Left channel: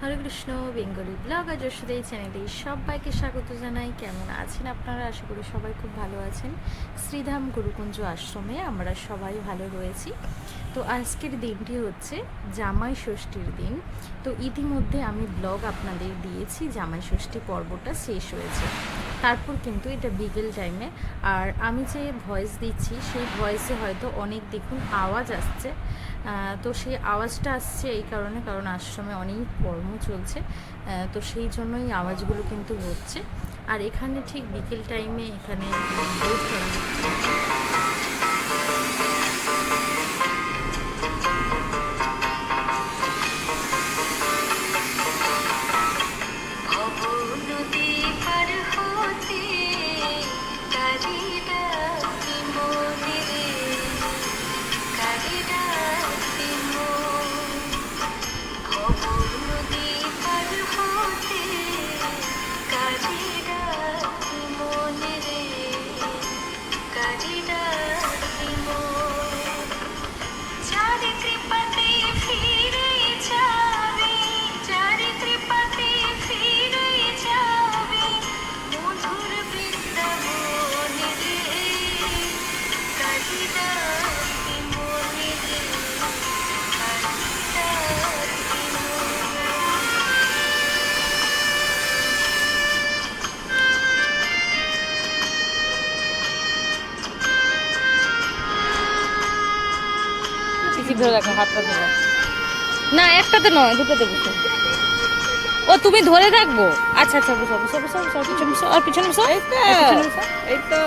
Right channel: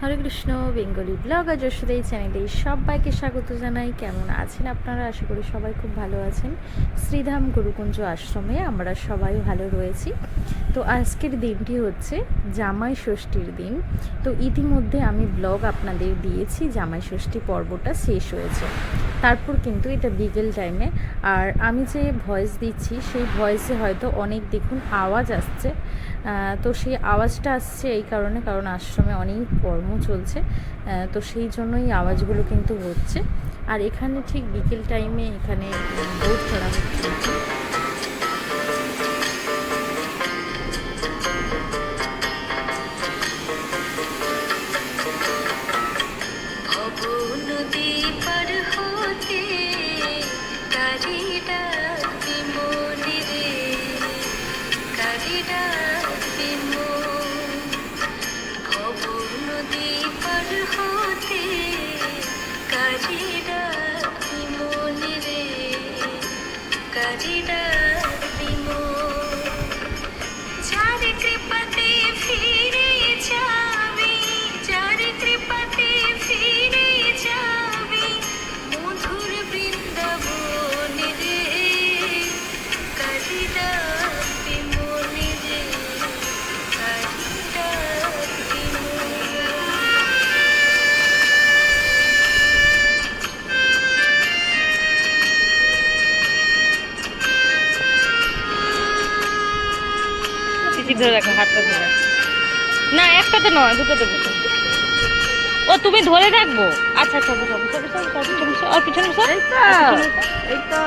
হরে Krishna, Bengali blog আর যশোদা এই চ্যানেলে সবাইকে স্বাগত জানাই। কেমন আছেন আপনারা? আশা করি সবাই খুব ভালো আছেন। শ্রীধাম গুরুকুঞ্জ আশ্রমে আমরা সবাই ভালো রয়েছি। তো আজকের দিনটি হচ্ছে জামাই ষষ্ঠীর দিন। তো ইতিমধ্যে আমি ব্লগ আপনাদের দিয়েছি, জামাই ষষ্ঠী পর্বটা শেষ হয়েছে। তারপর কিন্তু এটা বিকেল টাইমে আর আমি যে ভয়েস দিচ্ছি, সেই ভয়েসে হয়তো অনেক দেখুন আওয়াজ আসছে। তো সেই আওয়াজটা আসছে এই কারণে, কারণ আশ্রমে অনেক কর্ম চলছে। তো সেই জন্যই আওয়াজগুলো কিন্তু হচ্ছে। আর এখানে ঠিক বিকেল টাইমে এখানে বোট করা হচ্ছে। ভব পার ডাকি মনে রে কারি ডাকি মন ভব নদী পার হতে কারি ডাকি মনে রে কারি ডাকি চিচি ধরে রাখো হাতটা ধরে না একটা তো নয় দুটো বসো ও তুমি ধরে রাখব? আচ্ছা আচ্ছা বসো বসো বসো বসো পিছনে বসো আর পিছনে বসো। এই তো। এই তো।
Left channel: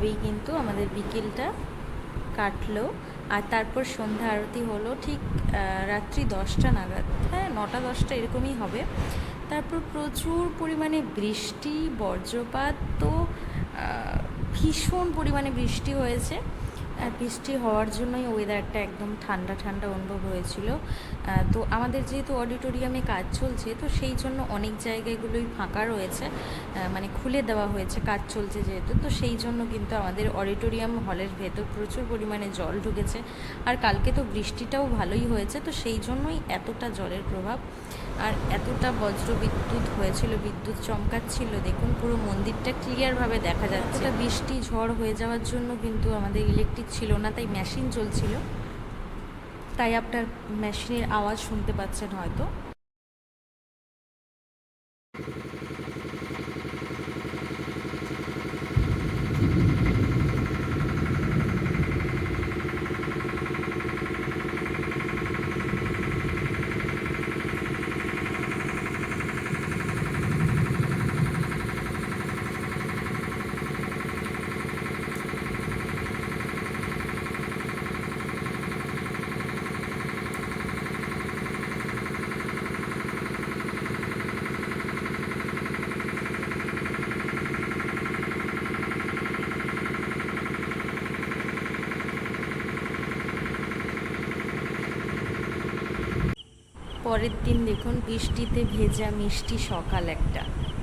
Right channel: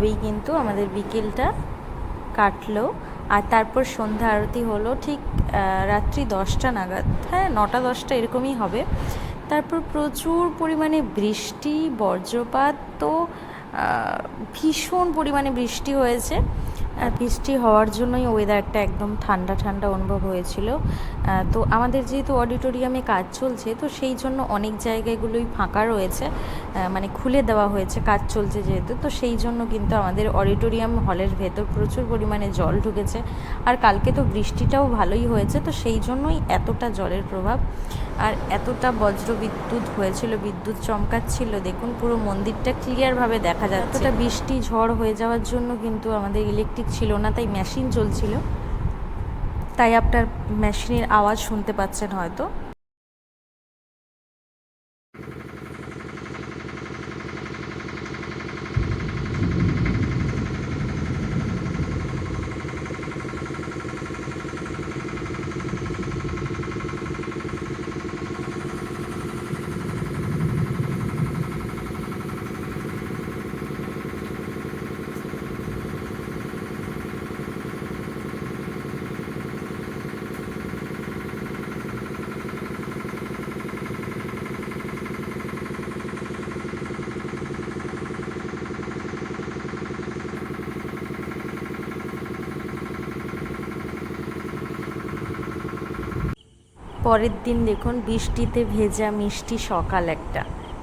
এইভাবেই কিন্তু আমাদের বিকেলটা কাটলো। আর তারপর সন্ধ্যা আরতি হলো ঠিক রাত্রি দশটা নাগাদ। হ্যাঁ নটা দশটা এরকমই হবে। তারপর প্রচুর পরিমাণে বৃষ্টি, বজ্রপাত তো ভীষণ পরিমাণে বৃষ্টি হয়েছে। আর বৃষ্টি হওয়ার জন্যই ওয়েদারটা একদম ঠান্ডা ঠান্ডা অনুভব হয়েছিল। তো আমাদের যেহেতু অডিটোরিয়ামে কাজ চলছে তো সেই জন্য অনেক জায়গাগুলোই ফাঁকা রয়েছে। মানে খুলে দেওয়া হয়েছে কাজ চলছে যেহেতু তো সেই জন্য কিন্তু আমাদের অডিটোরিয়াম হলের ভেতর প্রচুর পরিমাণে জল ঢুকেছে। আর কালকে তো বৃষ্টিটাও ভালোই হয়েছে তো সেই জন্যই এতটা জলের প্রভাব। আর এতটা বজ্র বিদ্যুৎ হয়েছিল বিদ্যুৎ চমকাচ্ছিল দেখুন পুরো মন্দিরটা ক্লিয়ারভাবে দেখা যাচ্ছে। এতটা বৃষ্টি ঝড় হয়ে যাওয়ার জন্য কিন্তু আমাদের ইলেকট্রিক ছিল না তাই মেশিন চলছিল তাই আপনার মেশিনের আওয়াজ শুনতে পাচ্ছেন হয়তো। পরের দিন দেখুন, বৃষ্টিতে ভেজা মিষ্টি সকাল একটা।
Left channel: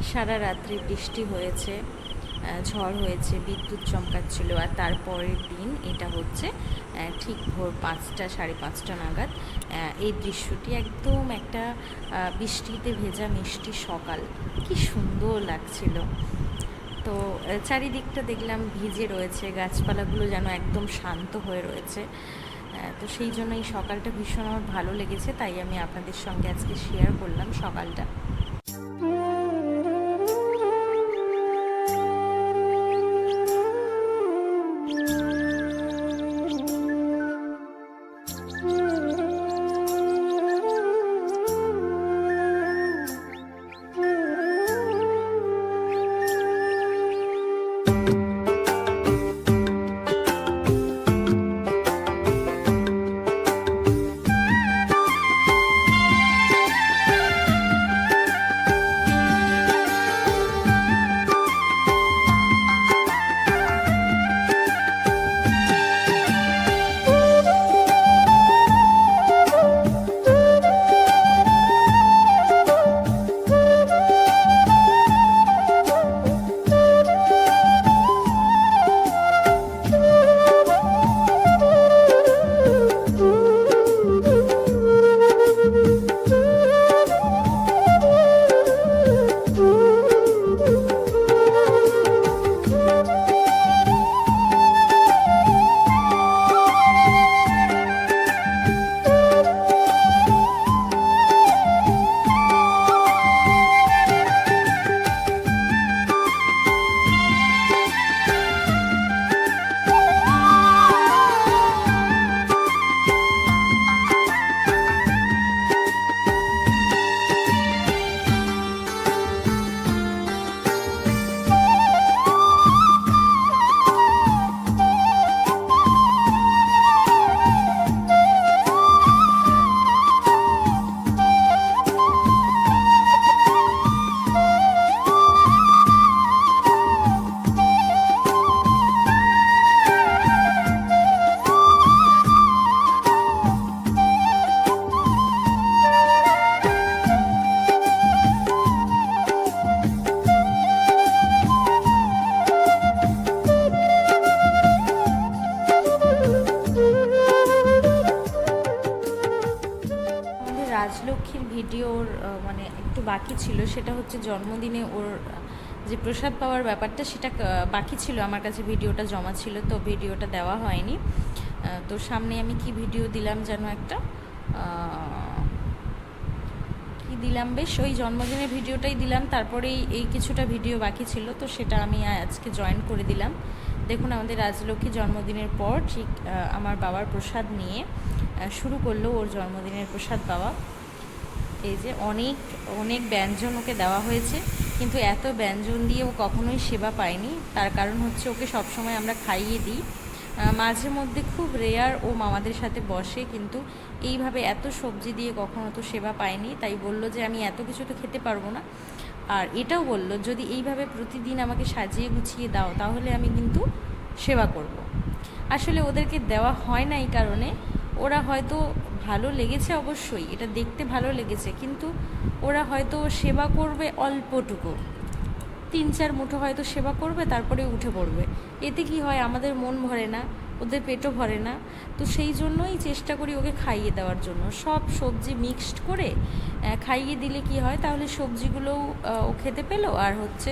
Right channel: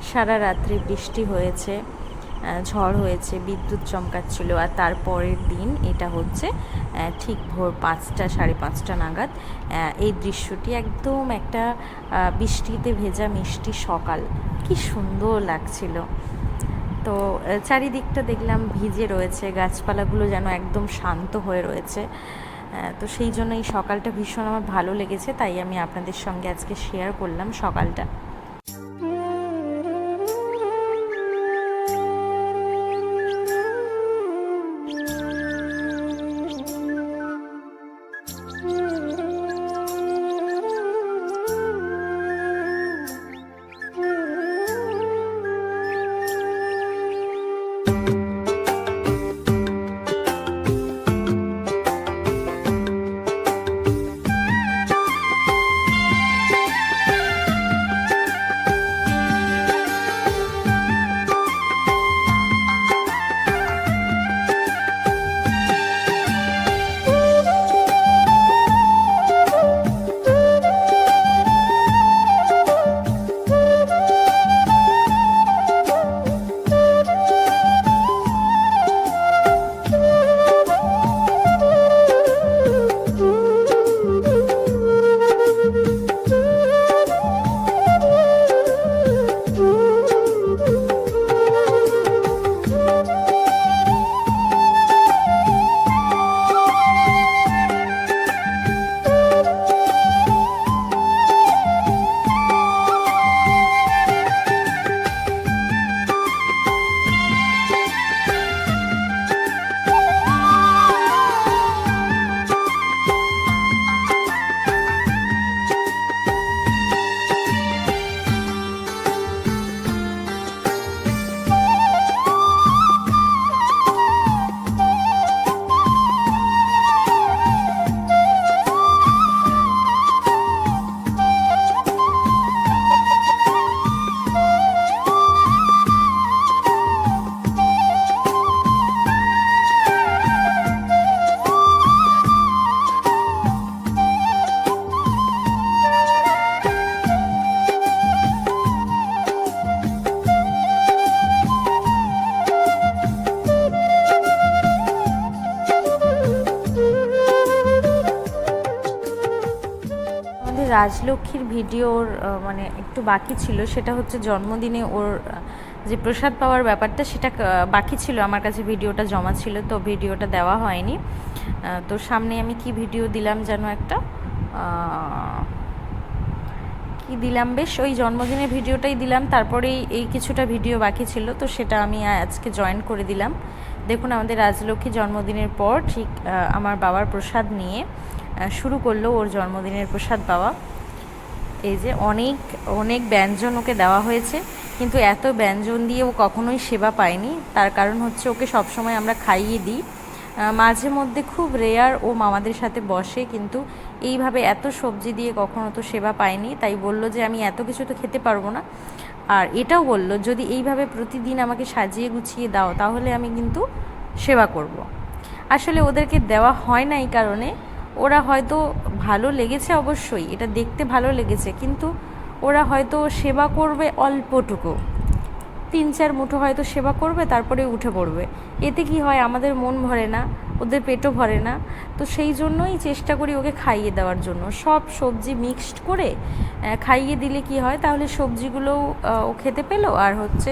সারা রাত্রি বৃষ্টি হয়েছে ঝড় হয়েছে, বিদ্যুৎ চমকাচ্ছিল, আর তারপরের দিন এটা হচ্ছে ঠিক ভোর পাঁচটা, সাড়ে পাঁচটা নাগাদ এই দৃশ্যটি একদম একটা বৃষ্টিতে ভেজা মিষ্টি সকাল। কি সুন্দর লাগছিল। তো চারিদিকটা দেখলাম ভিজে রয়েছে, গাছপালাগুলো যেন একদম শান্ত হয়ে রয়েছে। তো সেই জন্য এই সকালটা ভীষণ আমার ভালো লেগেছে, তাই আমি আপনাদের সঙ্গে আজকে শেয়ার করলাম সকালটা। রাজলক্ষ্মীর ভিডিওর মানে একটু বাকি ছিল, সেটা হচ্ছে জন্মদিনে ওর যে প্রসাদ পাওয়ার ব্যাপারটা সেটা বাকি ছিল, আমার কাছে ভিডিওটা জমা ছিল, তো ভিডিওটা দেওয়া হয়নি। তো সামনে আমি কি ভিডিও দিলাম যেন একটা কি দিলাম? বেশ, ওই জন্মদিনের ভিডিওটাই দিলাম, তারপরেই এই কিছুটা ভিডিও বাকি ছিল, তো সেটা আমি আজকে জয়েন করে দিলাম। দেখুন, আমাদের রাজলক্ষ্মী জন্মদিনের পর ঠিক আমার বাবার প্রসাদ নিয়ে শুরু করল ওর জন্মদিনের প্রসাদ পাওয়া। এই যে অনেক অনেক ব্যঞ্জন ওকে দেওয়া হয়েছে, কিন্তু এত ব্যঞ্জন দিয়ে ও কখনোই সেবা পায়নি। তার কারণ হচ্ছে ওকে সবসময় আমরা খাইয়ে দিই। মাঝে মধ্যে খুব রেয়ার ও মামাদের সাথে বসে, কিন্তু এইভাবে এত সবজি দিয়ে কখনো তো সেবা পায়নি। তাই বলল যে, আমি এত কিছু তো খেতে পারব না। আর এটাও বলল, যদি এইভাবে প্রতিদিন আমাকে সাজিয়ে গুছিয়ে দাও, তাহলে আমি কিন্তু সেবা করব। আসলে ওদেরকে দেওয়া হয় না এই কারণে। ওরা হয়তো ভালো লেগেছে অবশ্যই, এটা দেখতে ভালো লেগেছে, কিন্তু ওরা হয়তো সেবা করবে অল্পটুকু। তিন চার মুঠো হয়তো সেবা করবে, তারপরে উঠে পড়বে। এতে কি হয়, আমাদের মন ভরে না, ওদের পেটও ভরে না। তো সেই জন্যই চেষ্টা করি ওকে খাইয়ে দেওয়ার জন্য। সব সবজি মিক্সড করে খাইয়ে দিলে কি হয়, তাহলে সবজিগুলোও ও খেতে পেল, আর হচ্ছে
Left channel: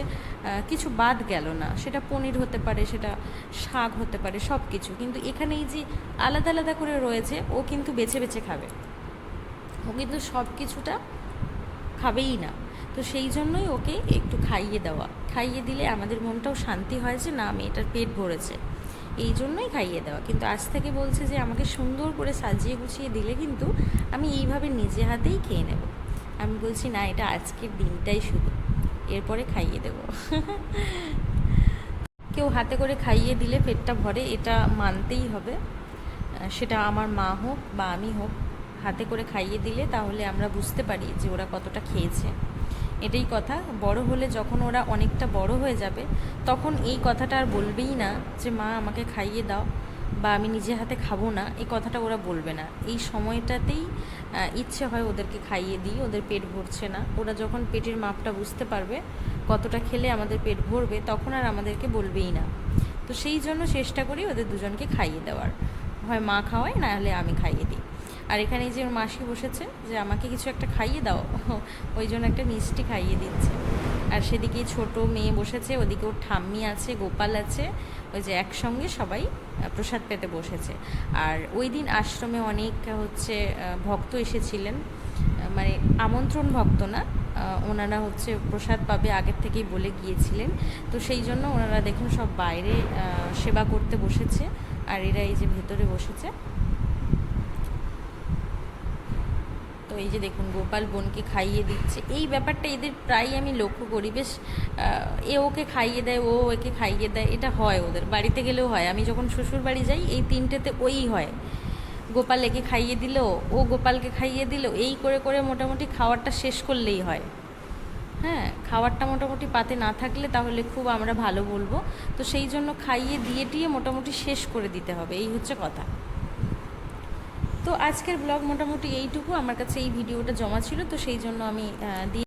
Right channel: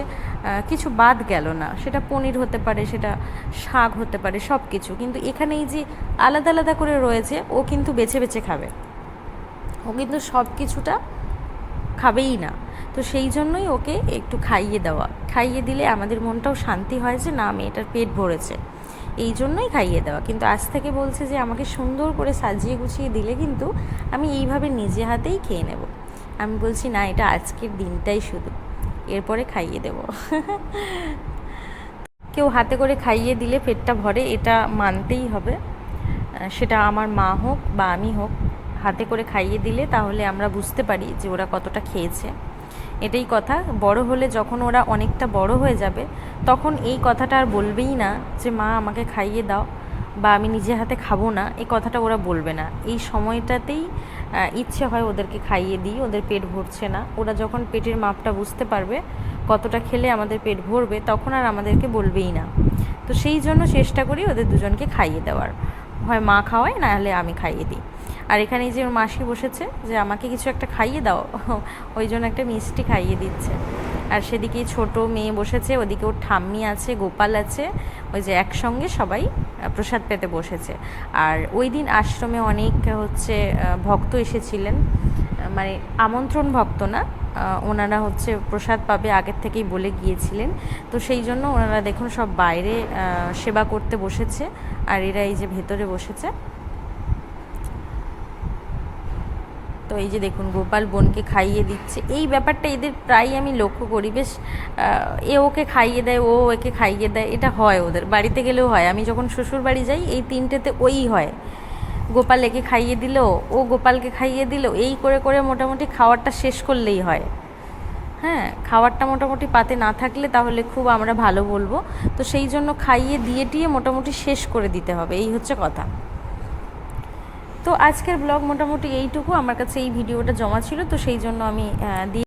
কিছু বাদ গেল না। সেটা পনির হতে পারে, সেটা শাক হতে পারে সব কিছু কিন্তু এখানে এই যে আলাদা আলাদা করে রয়েছে, ও কিন্তু বেছে বেছে খাবে। ও কিন্তু সব কিছুটা খাবেই না। তো সেই জন্যই ওকে একটু খাইয়ে দেওয়া। খাইয়ে দিলে আমাদের মনটাও শান্তি হয় যে, না, মেয়েটার পেট ভরেছে। এই জন্যই খাইয়ে দেওয়া। কিন্তু আজ থেকে বলছে যে, আমাকে সুন্দর করে সাজিয়ে গুছিয়ে দিলে কিন্তু আমি এইভাবে নিজে হাতেই খেয়ে নেব। আমি বলছি, না, এটা আজকের দিনটাই শুধু। এরপরে খাইয়ে দেব। কেউ হাতে করে খাইয়ে দিলে পেটটা ভরে, এটা মানতেই হবে। সেটা আমার মা হোক বা আমি হোক, হাতে করে খাইয়ে দিলে তাহলে আমরা বুঝতে পারি যে ওরা কতটা খেয়েছে। এটাই কথা। বড় হলে যখন ওরা অনেকটা বড় হয়ে যাবে, তখন এই কথাটা আর বলবেই না যে, মা, আমাকে খাইয়ে দাও। বা আমি নিজে হাতে খাব না, এই কথাটা ওরা বলবে না। এই সময়টাতেই ইচ্ছে হয় ওদেরকে খাইয়ে দিই, ওদের পেট ভরছে না। ওরা যখন পেটের মাপটা বুঝতে পারবে কতটা খেলে আমাদের পেট ভরবে, তখন আর আমাদেরকে বলবেই না। তো সেই জন্য চেষ্টা করি ওদের দুজনকে খাইয়ে দেওয়ার। হয় মা খাওয়ায়, না হলে আমি খাইয়ে দিই। আর এখানে যে ওর মাসি বসেছে যে, আমাকে কিছু একটা খাইয়ে দাও। ওই জন্য একটা মিষ্টি খাইয়ে দিচ্ছে। আর সেদিকে ছোট মেয়ে বসেছে, ওদিকে ওর ঠাম্মি আছে, গোপাল আছে, ওই যে একসঙ্গে সবাই প্রসাদ পেতে বসেছে। আর ওই দিন আশ্রমে অনেক, হচ্ছে ভক্ত এসেছিলেন মানে আমন্ত্রণ ভক্ত না ওনারা হচ্ছে প্রসাদ পাবে আগের থেকেই বলে গিয়েছিলেন। তো সেই জন্য ওনারা দেখুন সব বাইরে সেবা করতে বসেছে, আর এরা এই যে ভেতরে বসেছে তো এই যে দেখুন, গোপাল বোনকে খাইয়ে দিচ্ছে। এই ব্যাপারটা এদের প্রায় আমি লক্ষ্য করি। বেশ এ ওকে খাইয়ে দেয়, ও একে খাইয়ে দেয়, এটা হয় ওদের। বাড়িতে গেলেও হয়। আমি যখন শ্বশুর বাড়ি যাই, এই তিনটেতে ওই হয়। গোপাল একে খাইয়ে দিল, ও গোপালকে খাইয়ে দিল, এই করে করে মোটামুটি খাওয়ারটা শেষ করলেই হয়। হ্যাঁ খাবারটা মোটামুটি পাতে না থাকলে তাহলে খুব আমরা ভালো বলব। তো সেই জন্য খাইয়ে, দিয়ে, টিয়ে মোটামুটি শেষ করে দিতে হবে। এই হচ্ছে কথা। তো আজকের ব্লগ মোটামুটি এইটুকু। আমার কাছে এই ভিডিওটা জমা ছিল, তো সেই জন্য আমি দিয়ে